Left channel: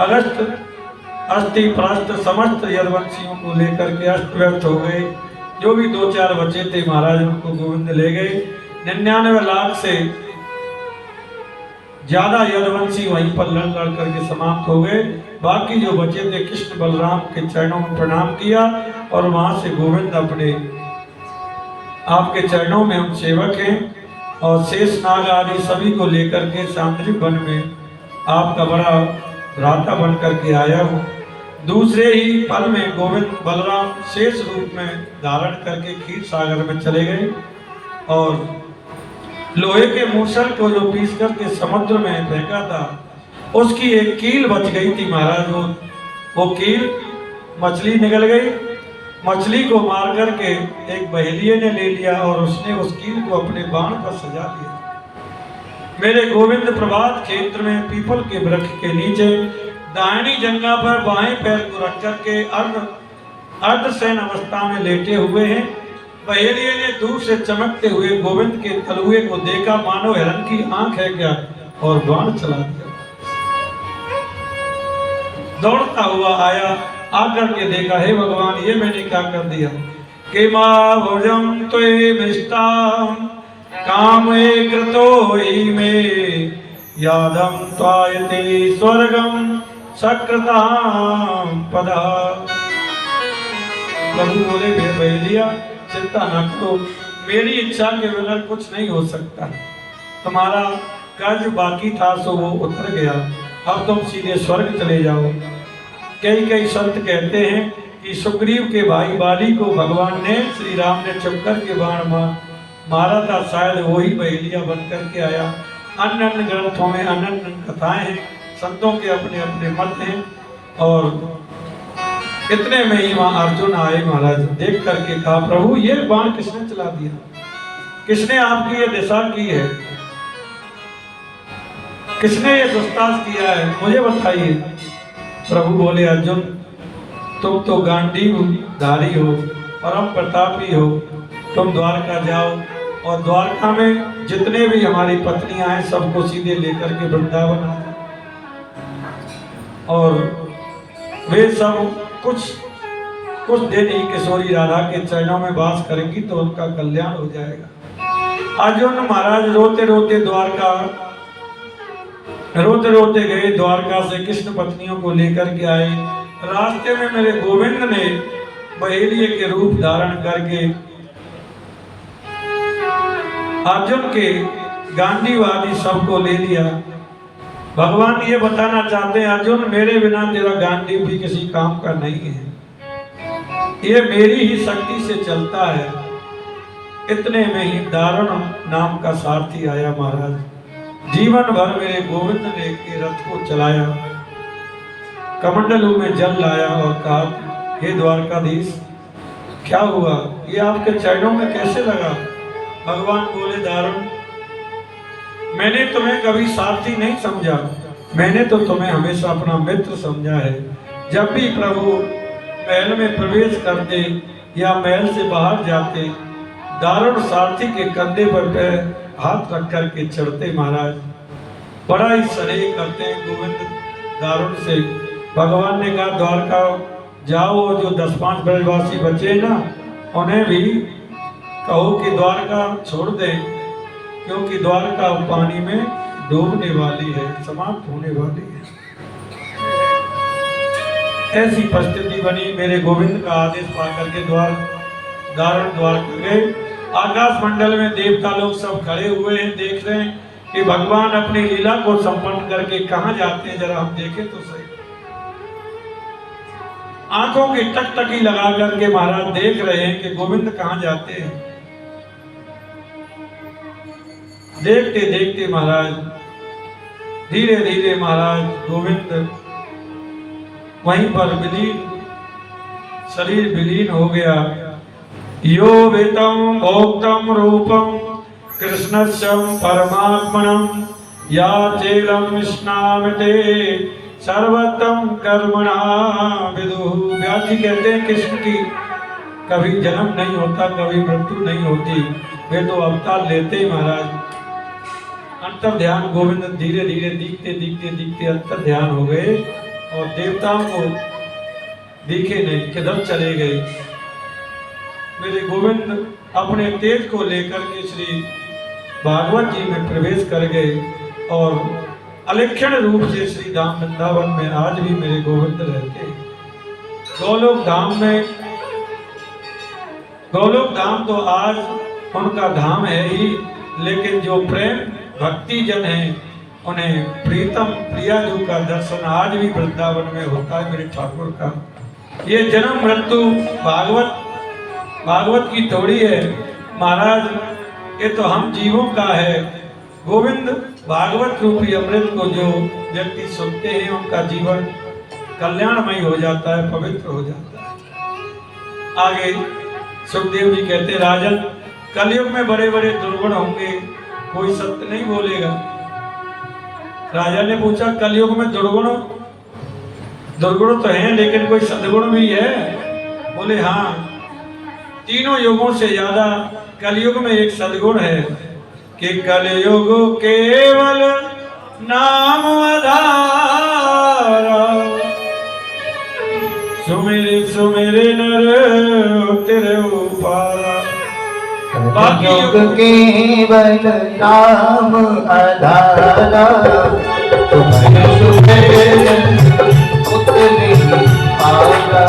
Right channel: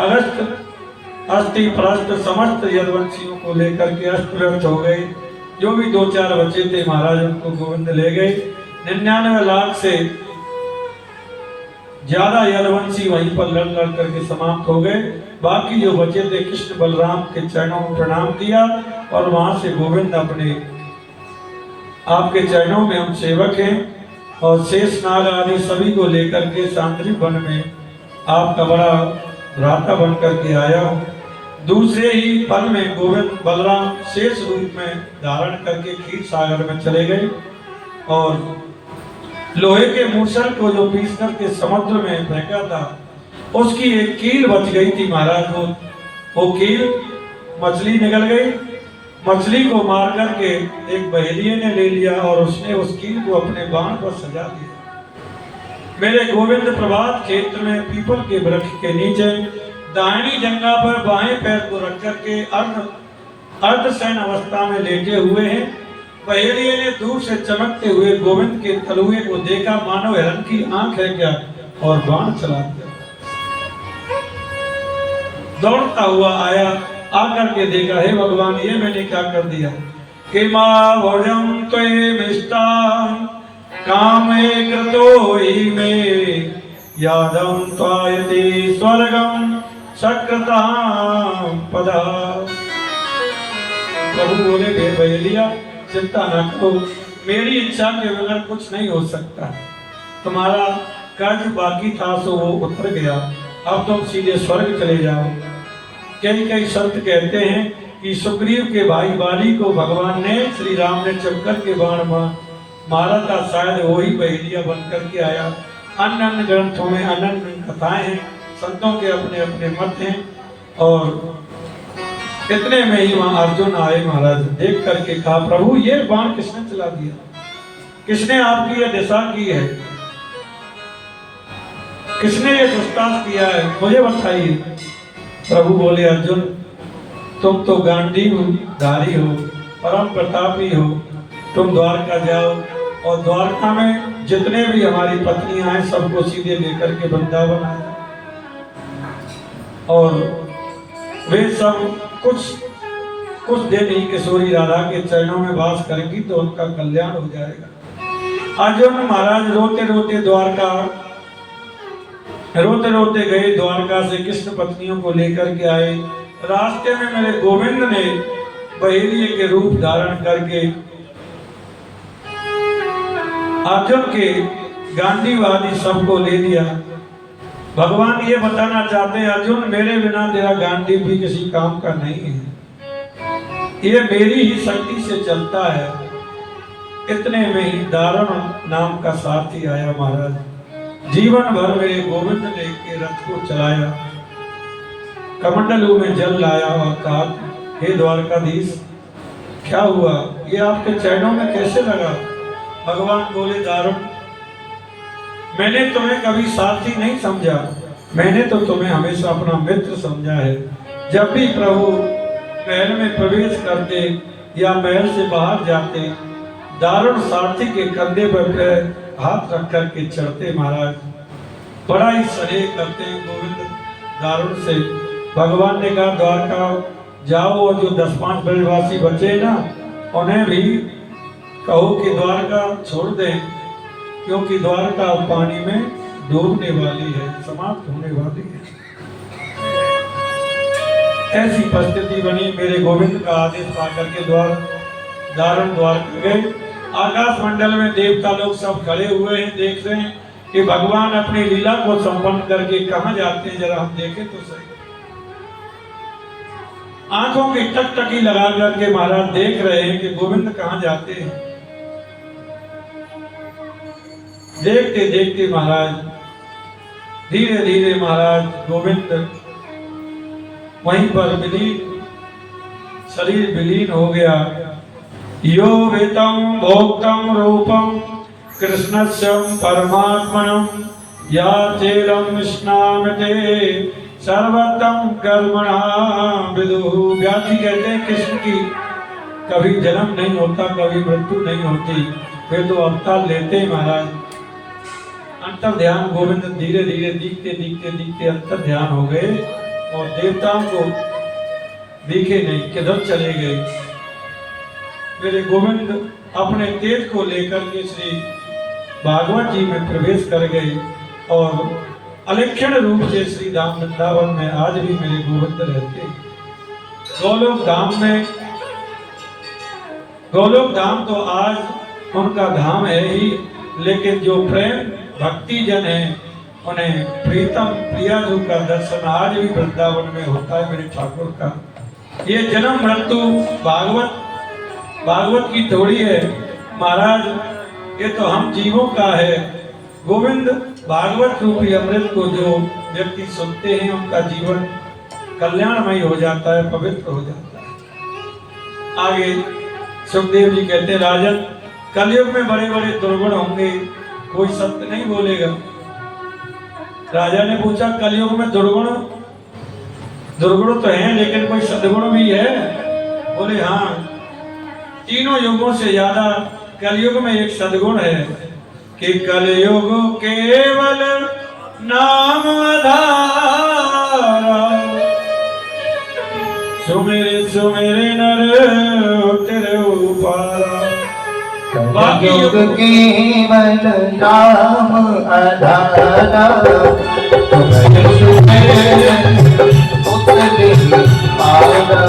अगस्त अस्थि प्रस्त समस्त यदुवंशियों को लेकर के अस्त व्यस्त हो गए। जो भी 2-4 बचे थे महाराज उनको गोविंद ले गए। 99 लाख से ज्यादा यदुवंशी वहीं पर लड़ लड़ करके समाप्त हो गए। बाकी जो बचे थे कृष्ण बलराम के चरणों में प्रणाम किया और वहां से गोविंद अपने आपके चरणों में हम सेवक हैं और शेष नाग आदि सभी को लेकर के सांद्रिक वन में आपका बड़ा भ्राता बन करके आया हूँ। दूसरे ही पल में गोविंद बलराम शेष रूप में धारण करके क्षीर सागर में चले गए और लोहे के मूसल को जो पीस करके समुद्र में फेंका था उसकी एक कील बच गई थी महाराज। वो कील मछली निकल गई। मछली को मार करके एक बहेलिये ने ले लिया और उसने उस कील को अपने बाण पर सजा दिया। मेरे गोविंद प्रभात क्षेत्र में पीपल के वृक्ष के नीचे दाहिनी जंघा पर बाएं पैर को रख करके अर्धशयन अवस्था में लेटे हुए हैं। बहेलिये ने दूर से चमकते हुए गोविंद के तलुए को देखा, मानो हिरण की आंख है क्या, और बाण चला दिया। दौड़ता हुआ आया, आकर के देखा, हे भगवान ये मैंने क्या कर दिया। कि मां भोजम त्वे मिष्टाम कामे कृतो हि मे यादम त्वायति स्वर्गम सकृताम पदा। प्रभु बोले, हे बहेलिया चिंता न करो, मेरी इच्छा के बगैर कुछ नहीं हो सकता। तुम्हारा कर्ज बाकी था सो वो उतर गया, अब तुम सीधे स्वर्ग चले जाओ। कई संत कहते हैं कि सुग्रीव के भाई बाली को भगवान ने श्री राम ने चक्कर के बाण मारा था, शायद वही बहेलिया बन करके आया। अन्य अन्य ग्रंथों में अन्य कथाएं हैं, संतों के अपने अपने मत हैं। और इतने में ही वहां अर्जुन आए महाराज, देख करके कहा, प्रभु ये बाण किसने चला दिया, किसने आपकी ये दिशा की है, किसने ये दुस्तास किया है, मुझे बताइए। प्रभु बोले, अर्जुन तुम तो गांडीव धारी हो, परम प्रतापी हो, तुम द्वारका जाओ और द्वारका में जितने भी हमारी पत्नियां हैं सबको सीधे लेकर के वृंदावन आए और वे सब कुछ दिन ही किशोरी राधा के चरणों में वास करेंगी तो उनका कल्याण हो जाएगा। अर्जुन महाराज रोते रोते गए, द्वारका से कृष्ण पत्नियों को लेकर के आए। रास्ते में मेरे गोविंद ने बहेलिये के रूप धारण करके अर्जुन के गांडीवादी सबको ले लिया। भगवान ये बताना चाहते हैं, अर्जुन मेरे बिना तेरा गांडी भी किसी काम का नहीं है, ये मेरी ही शक्ति से चलता है। इतने में ही दारुण नाम का सारथी आया महाराज, जीवन भर मेरे गोविंद ने के रथ को चलाया, कमंडलू में जल लाया और कहा, हे द्वारकाधीश क्या हुआ, ये आपके चरणों में कैसे लगा। भगवान बोले, दारुण मैंने तुम्हें कभी सारथी नहीं समझा, मैंने तो तुम्हें हमेशा अपना मित्र समझा है। जब भी प्रभु महल में प्रवेश करते या महल से बाहर जाते, दारुण सारथी के कंधे पर हाथ रख कर के चढ़ते महाराज, बड़ा ही स्नेह करते हैं गोविंद दारुण से। भगवान ने कहा, द्वारका जाओ और जो 10-5 ब्रजवासी बचे ना उन्हें भी कहो कि द्वारका छोड़ दें, क्योंकि द्वारका पानी में डूबने वाली है, समाप्त होने वाली है। ऐसी परिस्थिति बनी, मेरे गोविंद का आदेश पाकर के दारुण द्वारका गए। आकाश मंडल में देवता लोग सब खड़े हुए हैं, देख रहे हैं कि भगवान अपनी लीला को संपन्न करके कहां जाते हैं, जरा हम देखें तो सही। आंखों की टकटकी लगा करके महाराज देख रहे हैं कि गोविंद कहां जाते हैं। देखते देखते महाराज धीरे धीरे महाराज गोविंद वहीं पर शरीर विलीन हो गया। यो वेतम भोक्तम रूपम कृष्णस्य परमात्मनम या चेलम स्नामते सर्वतम कर्मणा विदुः। व्यासी कहते हैं कृष्ण की कभी जन्म नहीं होता, कभी मृत्यु नहीं होती, वे तो अवतार लेते महाराज। अंतर ध्यान गोविंद धीरे धीरे दिखते दिखते दिखते अंतर ध्यान हो गए और देवताओं को दिखे नहीं, किधर चले गए। मेरे गोविंद अपने तेज को लेकर के श्री भागवत जी में प्रवेश कर गए और अलिक्षण रूप से श्री धाम वृंदावन में आज भी मेरे गोविंद रहते हैं। गोलोक धाम तो आज उनका धाम है ही, लेकिन जो प्रेम भक्ति जन है उन्हें प्रीतम प्रियाजू का दर्शन आज भी वृंदावन में होता है मेरे ठाकुर का। ये जन्म मृत्यु भागवत की थोड़ी है महाराज, ये तो हम जीवों का है। गोविंद भागवत रूपी अमृत को जो व्यक्ति सुनते हैं उनका जीवन कल्याणमय हो जाता है, पवित्र हो जाता है। आगे सुखदेव जी कहते हैं, राजन कलयुग में बड़े बड़े दुर्गुण होंगे, कोई सत्य नहीं बोलेगा। राजा ने पूछा कलयुग में दुर्गुण तो हैं, लेकिन कोई सद्गुण भी है? बोले हाँ, तीनों युगों से ज्यादा कलयुग में एक सद्गुण है कि कलयुग केवल नाम आधार, सुमेरे सुमेरे नर तेरे उपारा। कलयुग केवल नाम आधारा, सुमेरे सुमेरे उतरे आरा।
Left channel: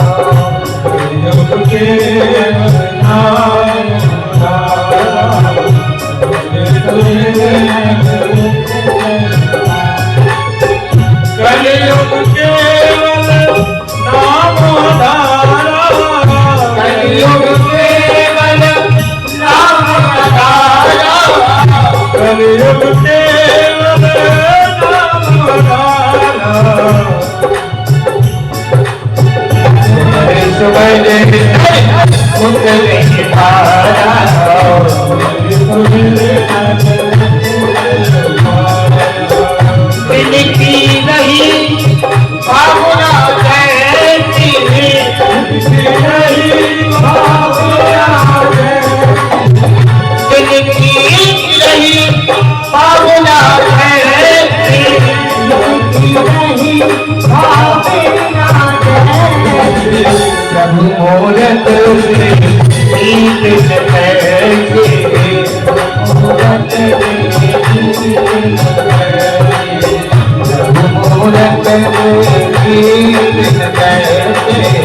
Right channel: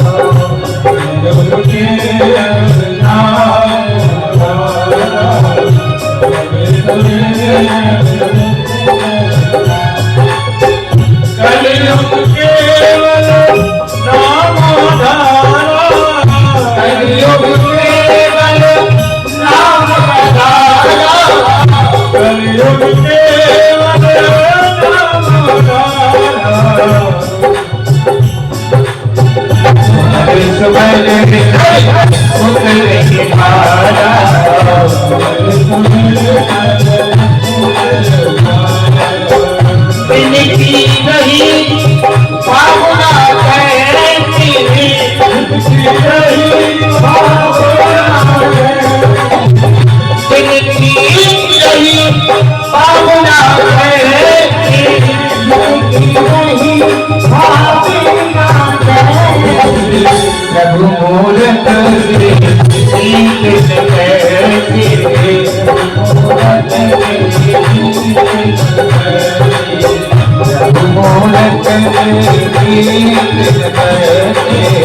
कलयुग केवल नाम आधारा, कलयुग केवल नाम आधारा, कलयुग केवल नाम आधारा, कलयुग केवल नाम आधारा। सुमेरे उतरे आरा। इनकी नहीं भावना कहती, इनकी नहीं भावना इनकी नहीं भावना कहती, इनकी नहीं भावना कहती। प्रभु मूरत से शीत कहते, मूरत से प्रभु मूरत से शीत कहते, मूरत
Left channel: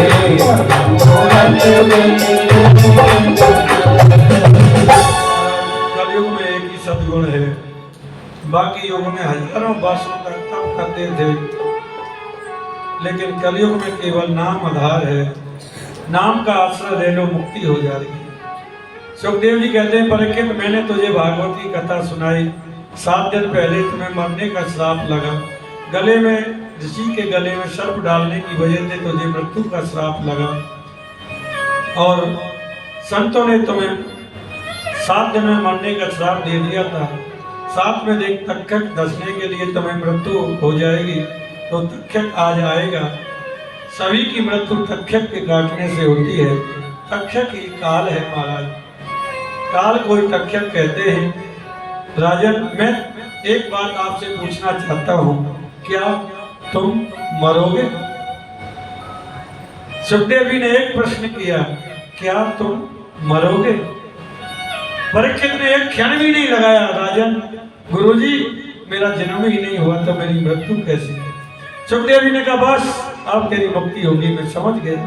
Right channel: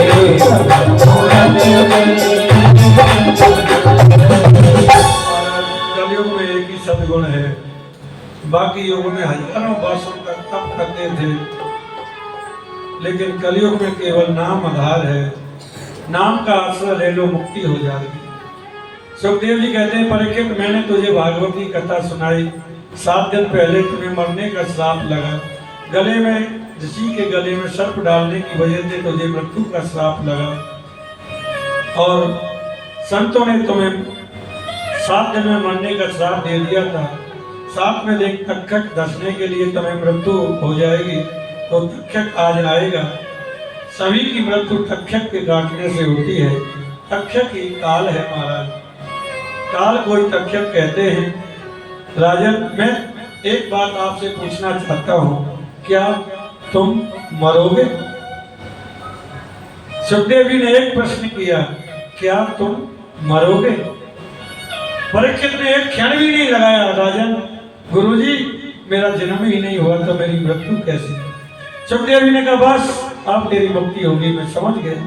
कलयुग में एक ही सद्गुण है, बाकी युग में हजारों वर्षों तक तप करते थे, लेकिन कलयुग में केवल नाम आधार है। नाम का आश्रय ले लो, मुक्ति हो जाएगी। सुखदेव जी कहते हैं, परीक्षित मैंने तुझे भागवत की कथा सुनाई, 7 दिन पहले तुम्हें मरने का श्राप लगा, गले में ऋषि के गले में सर्प डालने की वजह से तुझे मृत्यु का श्राप लगा, और संतों ने तुम्हें 7 दिन में मरने का श्राप दे दिया था। साथ में एक तक्षक दसने के लिए तुम्हें मृत्यु हो जाएगी, तो तक्षक आज आएगा। सभी की मृत्यु तक्षक के काटने से होती है। तक्षक ही काल है महाराज, काल कोई तक्षक कहते हैं। राजन मैं एक बात आपसे पूछना चाहता हूँ, क्या तुम मरोगे? सुखदेव जी ने एक प्रश्न किया, क्या तुम मरोगे? परीक्षित ने एक क्षण भी नहीं लगाया, राजन गुरुजी मेरा जन्म ही नहीं हुआ तो मेरी मृत्यु कैसे? सुखदेव जी ने कहा बस अब तेरी मुक्ति होगी, मैं समझ गया,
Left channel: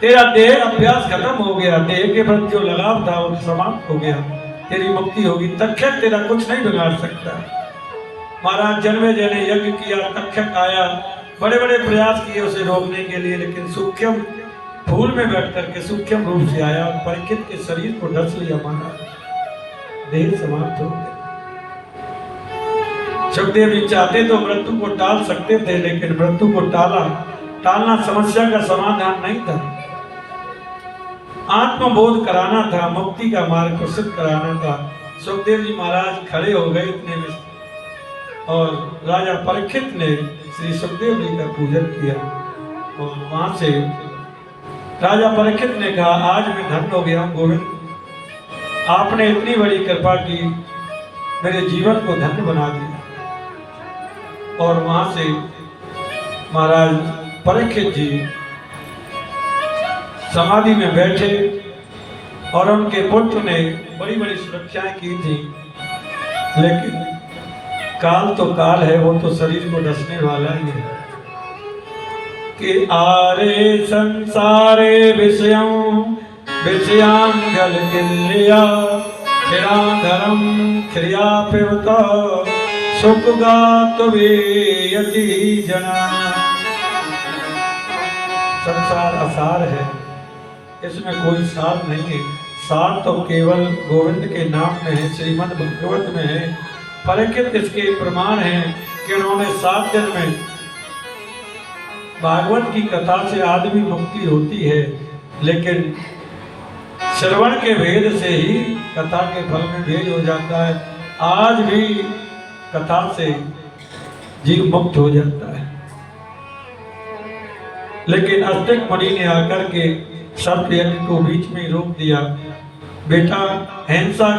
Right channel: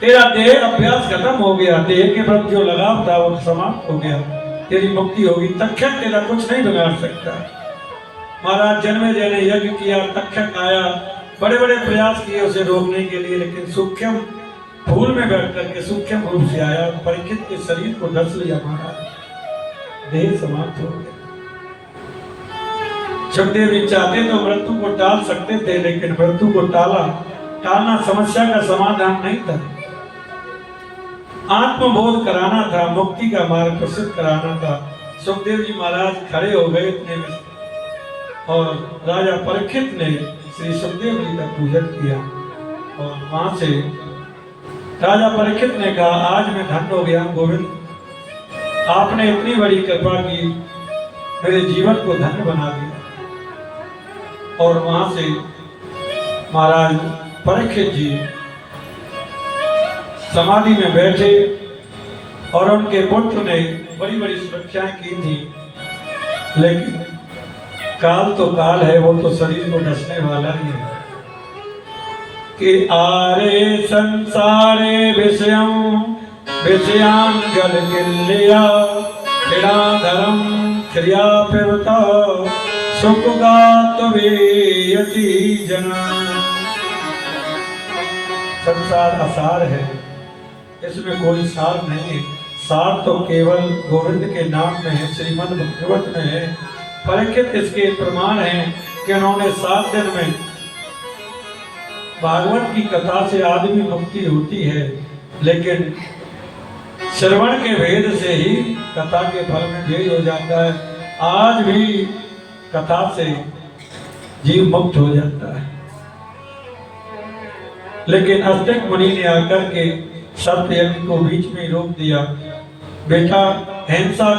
तेरा देह अभ्यास खत्म हो गया, देह के प्रति जो लगाव था वो समाप्त हो गया, तेरी मुक्ति होगी। तक्षक तेरा कुछ नहीं बिगाड़ सकता। महाराज जन्मे जने यज्ञ किया, तक्षक आया, बड़े बड़े प्रयास किए उसे रोकने के लिए, लेकिन सूक्ष्म फूल में बैठ करके सूक्ष्म रूप से आया और परीक्षित के शरीर को डस लिया। महाराज देह समाप्त हो गया। सुखदेव जी चाहते तो मृत्यु को टाल सकते थे, लेकिन मृत्यु को टालना समस्या का समाधान नहीं था। आत्मबोध कराना था, मुक्ति का मार्ग प्रसिद्ध कराना था। सुखदेव जी महाराज खड़े हो गए इतने में, और राजा परीक्षित ने श्री सुखदेव जी का पूजन किया, और वहां से राजा परीक्षित ने कहा आज मैं धन्य हो गया गोविंद, आपने इतनी बड़ी कृपा की, मेरे जीवन को धन्य बना दिया। और वहां से महाराज परीक्षित जी समाधि में बैठे और उनके पुत्र ने बड़ी बड़ी सुरक्षाएं की थी, लेकिन काल तो काल है, वो तो शरीर को डसने वाला ही है कि आरे संसारे विषयान गल किल्या खिड़ा धर्म क्रिया पिवता सुख गात वेयति जना। संसार असार है, इसमें कोई सार नहीं है। सार तो केवल गोविंद के नाम में है, श्रीमद् भागवत में है। परीक्षित इसके प्रमाण हैं कि उन्होंने 7 दिन में भागवत की कथा से आदमी मुक्ति होती है, लेकिन श्रवण के भेद से ही कथा के फल में भेद हो जाता है। आज भी कथा से जीव मुक्त हो जाता है, लेकिन अस्तिक मुनि ने आकर के सर्प यज्ञ को बीच में रोक दिया। बेटा, हिंसा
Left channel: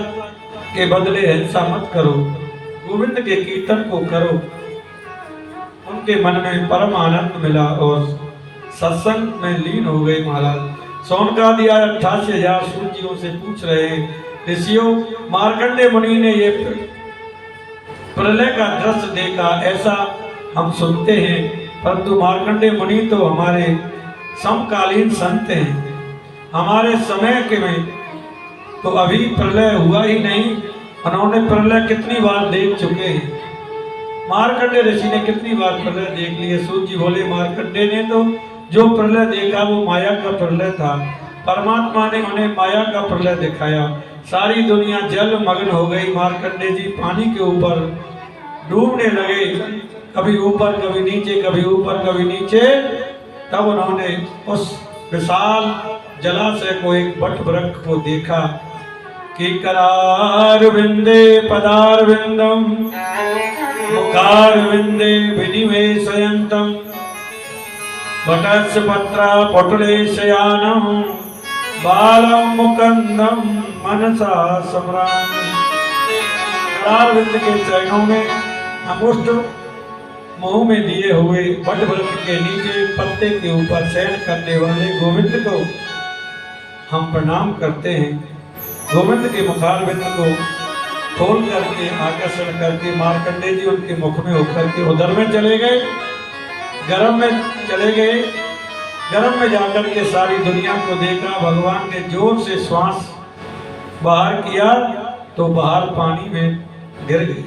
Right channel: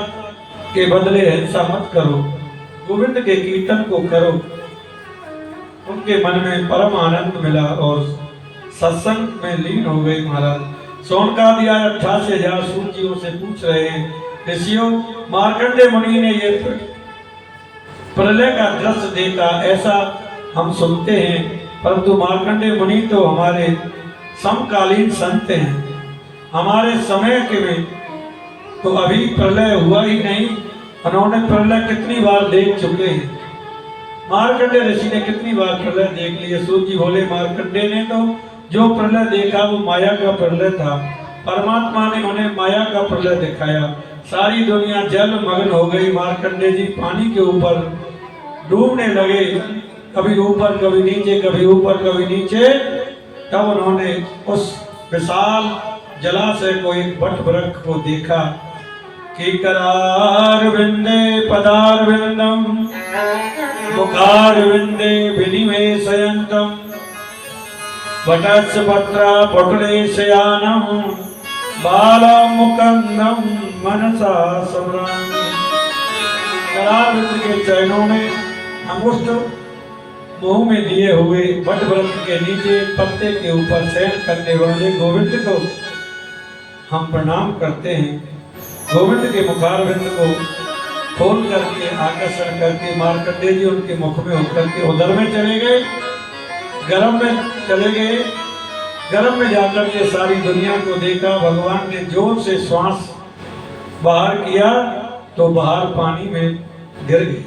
के बदले हिंसा मत करो, गोविंद के कीर्तन को करो। उनके मन में परम आनंद मिला और सत्संग में लीन हो गए महाराज। सोनका दिया 88,000 सूर्यों से पूछ रहे हैं, ऋषियों, मार्कंडेय मुनि ने ये प्रलय का दृश्य देखा, ऐसा हम सुनते हैं, परंतु मार्कंडेय मुनि तो हमारे समकालीन संत हैं। हमारे समय के में तो अभी प्रलय हुआ ही नहीं, उन्होंने प्रलय कितनी बार देख चुके हैं। मार्कंडेय ऋषि ने कितनी बार प्रलय देख लिए। सूर्य जी बोले, मार्कंडेय ने तो जो प्रलय देखा वो माया का प्रलय था, परमात्मा ने उन्हें माया का प्रलय दिखाया। सारी दुनिया जल मग्न हो गई। मार्कंडेय जी पानी के ऊपर डूबने लगे, कभी ऊपर कभी नीचे, कभी ऊपर कभी नीचे। तब उन्होंने उस विशाल जलाशय को, एक वट वृक्ष को देखा कि करार विंदे पदार विंदम मुखार विंदे विनिवेशयन्तम वटस्य पत्रा पटुले शयानम बालम मुकंदम मनसा सम्रामी। करार विंद के चरणों में अंगुष्ठ मुंह में दिए हुए वट वृक्ष के नीचे पत्ते के ऊपर शयन करने वाले गोविंद को हम प्रणाम करते हैं। गोविंद के मुखारविंद को खोल करके आकर्षण करके मार्कंडेय जी उनके मुख में होकर के उधर में चले गए, गर्म में चले गए। गर्म में जाकर के सारी दुनिया को देखा। भगवान ने जोर से श्वास बाहर किया तो बाहर पानी में गिर गए।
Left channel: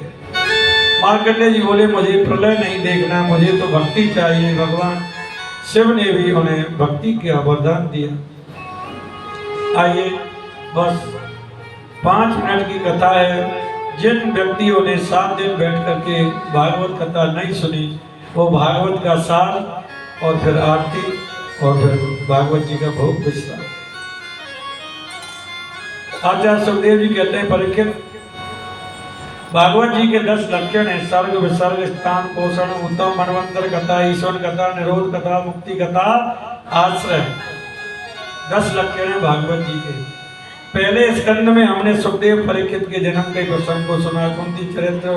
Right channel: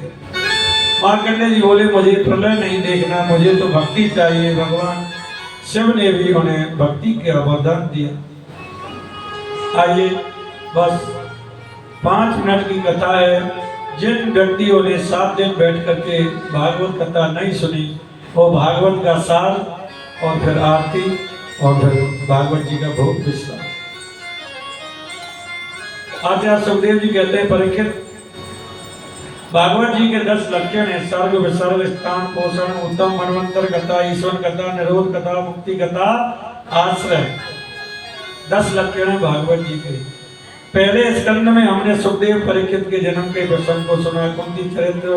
मार्कंडेय जी बोले, मुझे प्रलय नहीं देखना, मुझे तो भक्ति चाहिए। भगवान शिव ने भी उन्हें भक्ति का वरदान दिया। आइए, बस 5 मिनट की कथा है। जिन व्यक्तियों ने 7 दिन बैठ करके भागवत कथा नहीं सुनी, वो भागवत का सार और फिर आरती और फिर भागवत जी का भोग विश्राम। आचार्य सुखदेव जी कहते हैं, परीक्षित, भागवत जी के 10 लक्षण है। सर्ग, विसर्ग, स्थान, पोषण, उत्तम, मनवंतर कथा, ईश्वर कथा, निरोध कथा, मुक्ति कथा, आश्रय। 10 लक्षण है भागवत जी के। पहले स्कंद में हमने सुखदेव परीक्षित के जन्म के प्रसंग को सुना, कुंती चरित्र,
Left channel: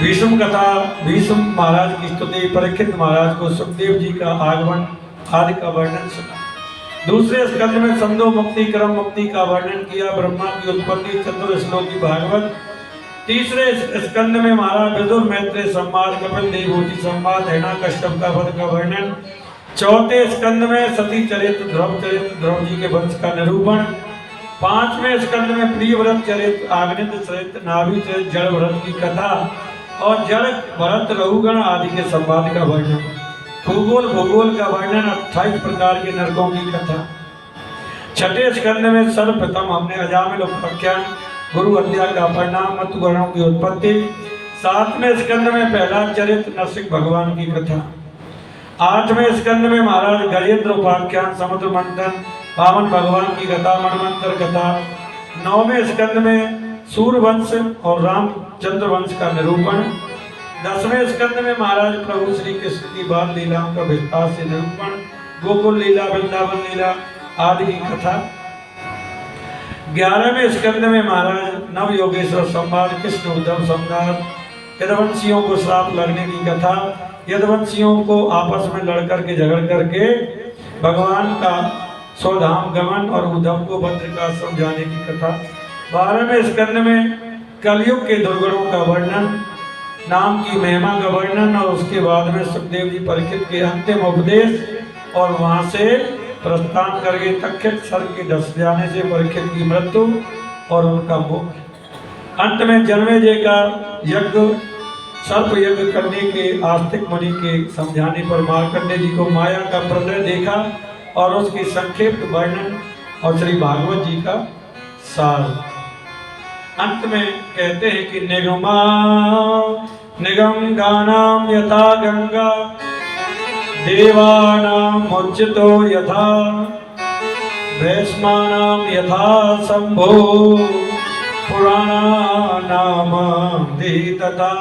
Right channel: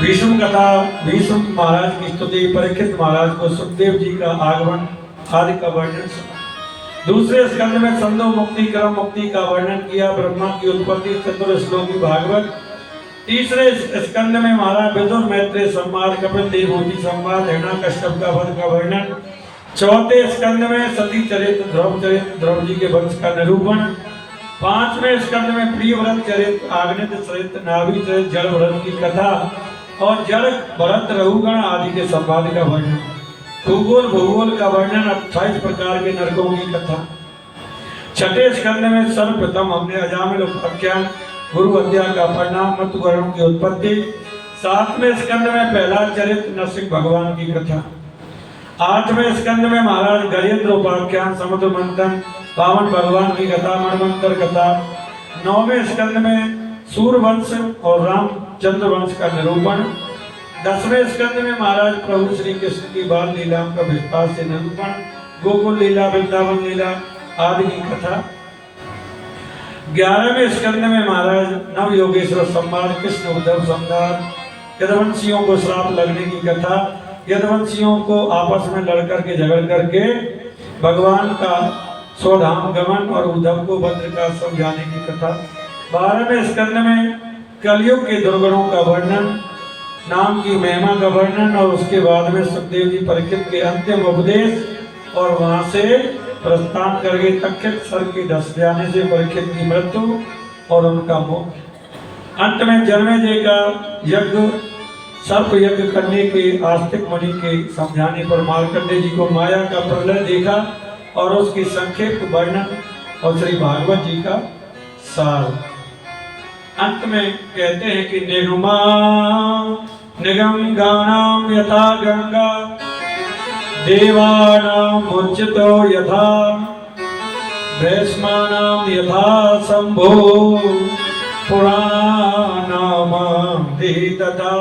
भीष्म कथा, भीष्म महाराज की स्तुति, परीक्षित महाराज को सुखदेव जी का आगमन आदि का वर्णन सुना। दूसरे स्कंद में संदो मुक्ति, क्रम मुक्ति का वर्णन किया, ब्रह्मा की उत्पत्ति, चतुर श्लोकी भागवत। तीसरे स्कंद में महाराज विदुर मैत्रेय संवाद, कपिल देवहूति संवाद, हिरण्यकश्यप का वध का वर्णन। चौथे स्कंद में सती चरित्र, ध्रुव चरित्र, ध्रुव जी के वंश का निरूपण। 5वें स्कंद में प्रियव्रत चरित्र, आग्नेय चरित्र, नाभि चरित्र, जड़ व्रत की कथा और जड़ भरत रहुगण आदि के संवाद का वर्णन। भूगोल भूगोल का वर्णन, 28 प्रकार के नरकों की कथा। छठे स्कंद में सर्वप्रथम हमने अजामिल उपाख्यान, गुरु हत्या का परिणाम, मत गणों की उत्पत्ति। 7वें स्कंद में पहला चरित्र, नरसिंह भगवान की कथा। 8वें स्कंद में महाराज गजेंद्र उपाख्यान, समुद्र मंथन, वामन भगवान की कथा, मनवंतर कथा। 9वें स्कंद में सूर्यवंश और रामचंद्र वंश का निरूपण। 10वें स्कंद में महाराज प्रभु श्री कृष्ण की बाल लीलाओं का विस्तार से निरूपण, गोकुल लीला, वृंदावन लीला आदि की कथा। 11वें स्कंद में महाराज नव योगेश्वर संवाद, कृष्ण उद्धव संवाद, यदुवंशियों को श्राप लगने की कथा। यदुवंशियों को आपस में लड़ करके झगड़ करके भगवान का स्वधाम गमन और उद्धव को भद्र का समझाने की कथा। 12वें स्कंद में कलयुग के दुर्गुणों का वर्णन, नाम की महिमा का वर्णन और उसके बाद में सुखदेव जी परीक्षित के अंतिम उपदेश और वहां से प्रस्थान करके तक्षक सर के धस जाने से परीक्षित की मृत्यु और उनका मुक्ति। अंत में जन्मेजय का यज्ञ, सर्प यज्ञ करने के आस्तिक मुनि के समझाने पर मार्कंडेय जी को माया का प्रलय देखा और उसकी संक्षिप्त वर्णन और श्री भागवत जी का सार। अंत में कहते हैं कि निगम गानाम यथा गंगा देवानाम मुच्यतो यथा वैष्णानाम यथा शंभो पुराणानाम तथा।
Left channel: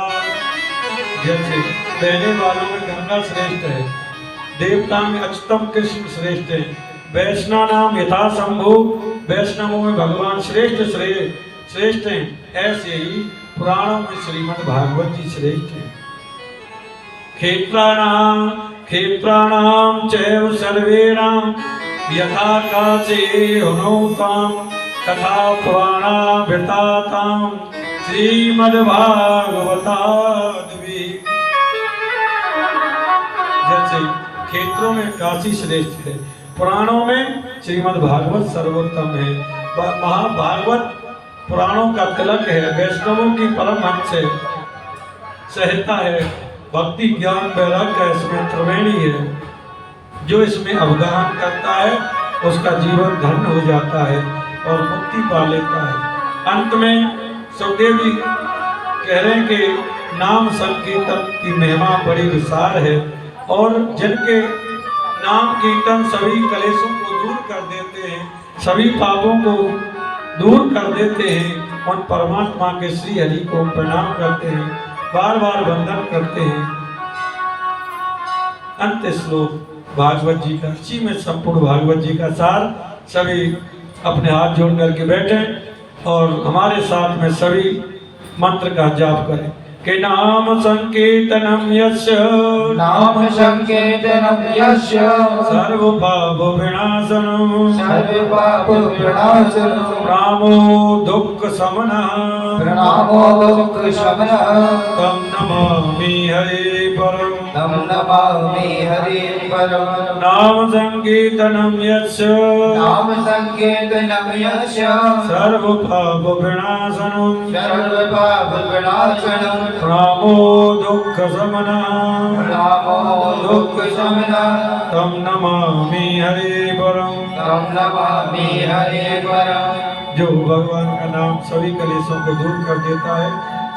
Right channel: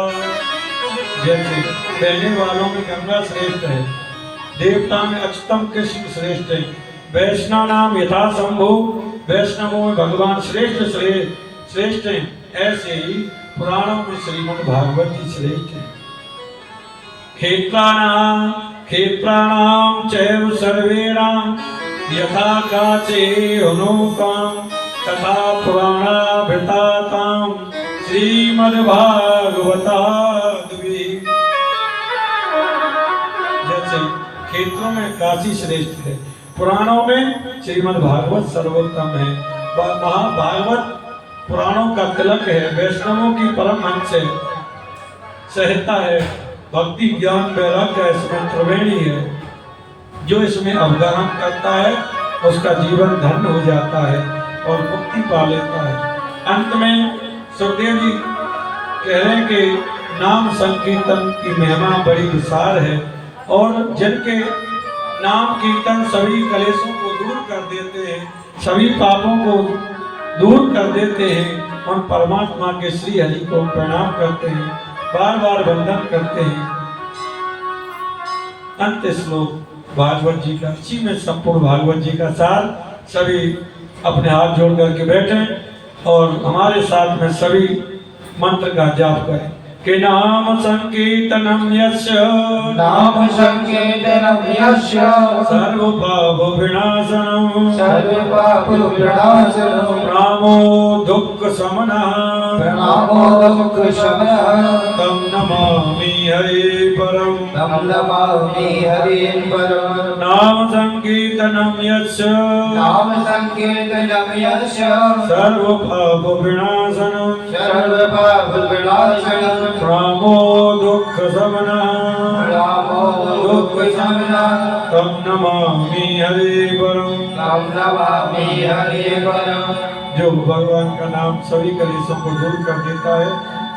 जैसे बहने वालों में गंगा श्रेष्ठ है, देवता में अच्युतम कृष्ण श्रेष्ठ है, वैष्णव नाम यथा शंभु, वैष्णवों में भगवान श्रेष्ठ है, ऐसे ही पुराणों में श्रीमद् भागवत जी श्रेष्ठ है। क्षेत्राणाम चैव सर्वेणाम यथा काचे अनुकाम तथा पुराणाभिताताम श्रीमद् भागवताद्वि। जैसे क्षेत्रों में काशी श्रेष्ठ है, पुराणों में श्रीमद् भागवत सर्वोत्तम है। महाभागवत पुराणों का तिलक है, वैष्णवों की परमहंस है, सहता है, भक्ति ज्ञान वैराग्य इसमें त्रिवेणी है। जो इसमें अवगाहन करता है उसका जीवन धन्य हो जाता है और मुक्ति पा लेता है। अंत में सुखदेव जी कह रहे हैं कि नाम संकीर्तन की महिमा बड़ी विशाल है और जिनके नाम कीर्तन सभी कलेशों को दूर कर देते हैं, सभी पापों को दूर कर देते हैं, उन परमात्मा के श्री हरि को प्रणाम करते हैं, बार बार वंदन करते हैं। अंत श्लोक भागवत जी का, इसी में संपूर्ण भागवत जी का सार। सभी अपने हाथ जोड़ करके बैठे और हमारे साथ में सभी मंत्र का जाप करें कि नाम संकीर्तनम यस्य, नाम संकीर्तनम यस्य सर्व पाप विनाशनम, सर्व पाप विनाशनम, प्रणामो दुःख शमनः, प्रणामो दुःख शमनः, तं नमामि हरे परम, तं नमामि हरे परम। नाम संकीर्तनम यस्य, नाम संकीर्तनम यस्य सर्व पाप विनाशनम, सर्व पाप विनाशनम, प्रणामो दुःख शमनः, प्रणामो दुःख शमनः, तं नमामि हरे परम। तं नमामि हरे परम। जो भगवान का नाम सभी कलेशों को दूर कर देता है,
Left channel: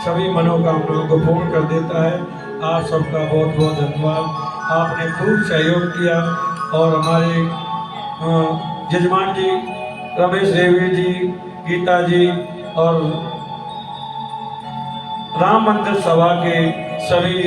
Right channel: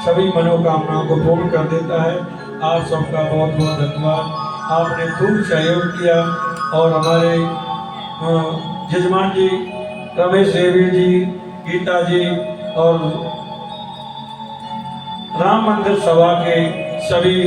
सभी मनोकामनाओं को पूर्ण कर देता है। आप सबका बहुत बहुत धन्यवाद, आपने खूब सहयोग किया और हमारे जजमान जी रमेश देवी जी, गीता जी और राम मंदिर सभा के सभी